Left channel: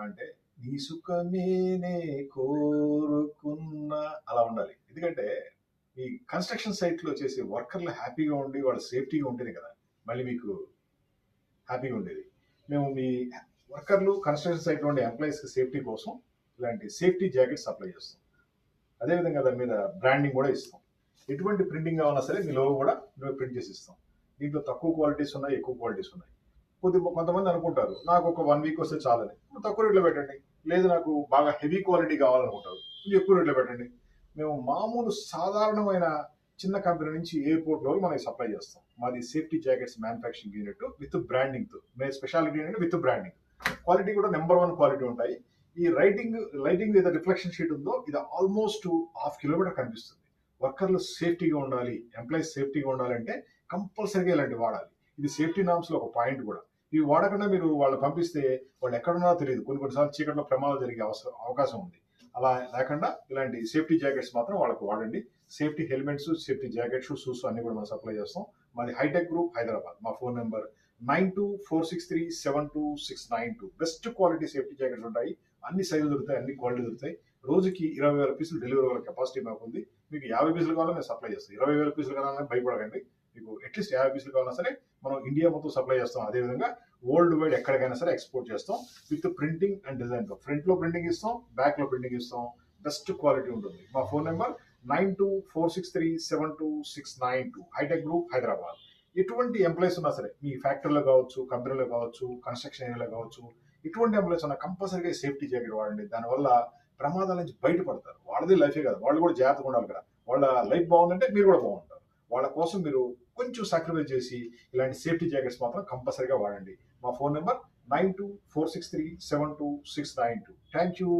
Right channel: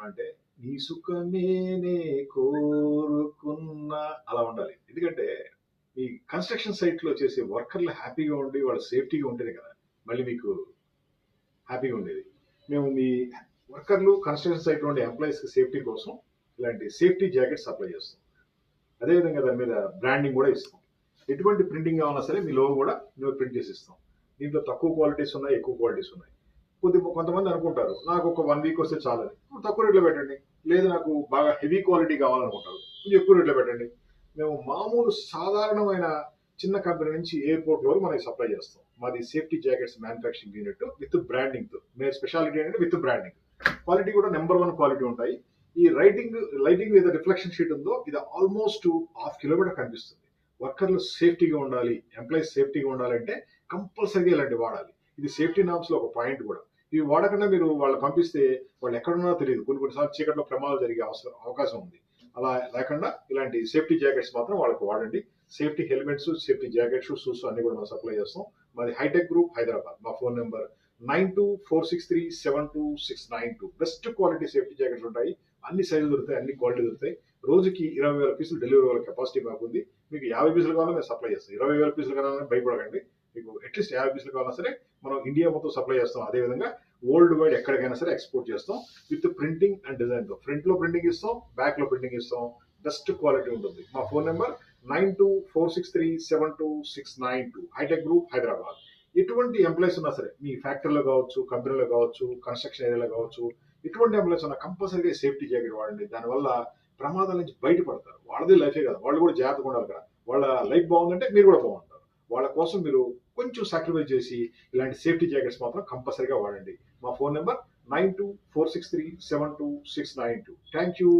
ఏమన్నా అంటే, నీ సుఖమేనే కోరుకున్నా అలా ఉండాలి. ఎందుకంటే, ఈ కన్‌స్ట్రక్షన్ సైట్‌లో చేసే వర్కర్‌లు హ్యాపీగా ఉండి, వాళ్ళు సేఫ్టీగా ఉంటేనే కదా! మళ్ళీ మీకు హ్యాపీగా ఉండేది. మేము మీ వర్కర్‌లు కన్‌స్ట్రక్షన్ సైట్‌లో ఉండే ఎంప్లాయీస్‌కి సేఫ్టీ కోసం ఇలాంటి సేఫ్టీ జాకెట్స్ సప్లై చేస్తాం. అదేవిధంగా దాని మీద బ్రాండింగ్ కూడా ఇస్తాం. ఎటువంటి ప్రింటింగ్ కావాలన్నా సరే మీ లోగో కూడా మేము ప్రింట్ చేసి ఇస్తాం. దీంట్లో తక్కువ క్వాలిటీస్ ఉన్నాయి, ఎక్కువ క్వాలిటీస్ ఉన్నాయి. కొంతమంది అనుకుంటారు నాకు ఒక 1 వీక్ వస్తే చాలని. తక్కువ రేట్‌లో పెట్టండి. లేదు నాకు బాగా హెవీ క్వాలిటీ కావాలనుకుంటారు. కొంచెం ఎక్కువ రేట్‌లో పెట్టండి. మేము మామూలు సాధారణమైన చిన్న కంపెనీ నుంచి ఎయిర్‌పోర్ట్ వరకు మనం సప్లై చేస్తాం. మాది safety jackets manufacturing unit with బ్రాండింగ్‌తో. మేము స్పెషాలిటీ ఏంటంటే విత్ బ్రాండింగ్. క్వాలిటీ కూడా నంబర్ 1 క్వాలిటీ ఉంటాయి. ఈ లైటింగ్ ఏదో రిఫ్లెక్షన్ షీట్ ఉందో ఇది ఆల్మోస్ట్ హాఫ్ కిలోమీటర్ కనిపిస్తుంది. వర్కర్లు సేఫ్టీగా ఉండాలి, ఎంప్లాయీస్ సేఫ్టీగా ఉండాలంటే కంపల్సరీగా ఇలాంటివి వాడాలి. ఇది సేఫ్టీ నార్మ్స్‌లో ఒక పాయింట్ కూడా. ఇవి వాడకుండా మీరు వాళ్ళని పంపిస్తే వాళ్ళు ఎక్కడున్నారో తెలియదు. కొన్ని సార్లు చీకట్లో ప్రమాదాలు జరిగే అవకాశం ఉంది. అలా లేకుండా ఇలాంటి సేఫ్టీ జాకెట్స్ మాత్రం వాళ్ళకి వాడండి. Safety helmets, safety jackets, shoes అన్ని కూడా మనం సప్లై చేస్తాం. మాది హైటెక్ గ్రూప్ హైదరాబాద్. మా phone number 9246372692. Best quality safety jackets ఉంటాయి. అన్ని సైజులు దొరుకుతాయి, అన్ని క్వాలిటీ దొరుకుతాయి. రోజుకి 20,000 పీసులు డెలివరీ అవ్వగల కెపాసిటీ మాకుంది. మీకు 50 పీసులు కావాలన్నా మేము సప్లై చేస్తాం. 20,000 పీసులు కావాలని భయపడకండి. మీకు అట్లీస్ట్ 50 పీసులు కావాలన్నా సరే మనం ఇండియా మొత్తం సప్లై చేస్తాం. అదేవిధంగా వరల్డ్ వైడ్ ఎక్కడికైనా సరే ఎక్స్పోర్ట్ చేస్తాం. విత్ ప్రింటింగ్ అండ్ డిజైన్‌తో. ఫ్రంట్‌లో ప్రింటింగ్ ఇస్తాం, బ్యాక్‌లో ప్రింటింగ్ ఇస్తాం. బెస్ట్ క్వాలిటీ ఉంటుంది. మా phone number 9246372692. Hi tech group Hyderabad. ఎటువంటి ఎంప్లాయీస్ ఉన్నా సరే మీ ఫ్యాక్టరీలో కావచ్చు, కంపెనీలో కావచ్చు, కన్‌స్ట్రక్షన్ ఏరియాలో కావచ్చు, ఎటువంటి ఎంప్లాయీస్ ఉన్నా కంపల్సరీగా సేఫ్టీ జాకెట్ వాడండి. దానివల్ల ప్రమాదాల నుంచి బయటపడతారు. వాళ్ళది లైఫే కదా! వాళ్ళు కూడా జాగ్రత్తగా ఉండాలి కదా! వాళ్ళ లైఫ్ బాగుందంటే మీరు కూడా బాగుంటారు. వాళ్ళ కోసం మీరు కొంచెం సాక్రిఫైస్ చేసి ఇలాంటి సేఫ్టీ జాకెట్స్ మాత్రం కంపల్సరీగా వాడండి. మా ఫోన్ నంబర్ 9246372692. Thank you.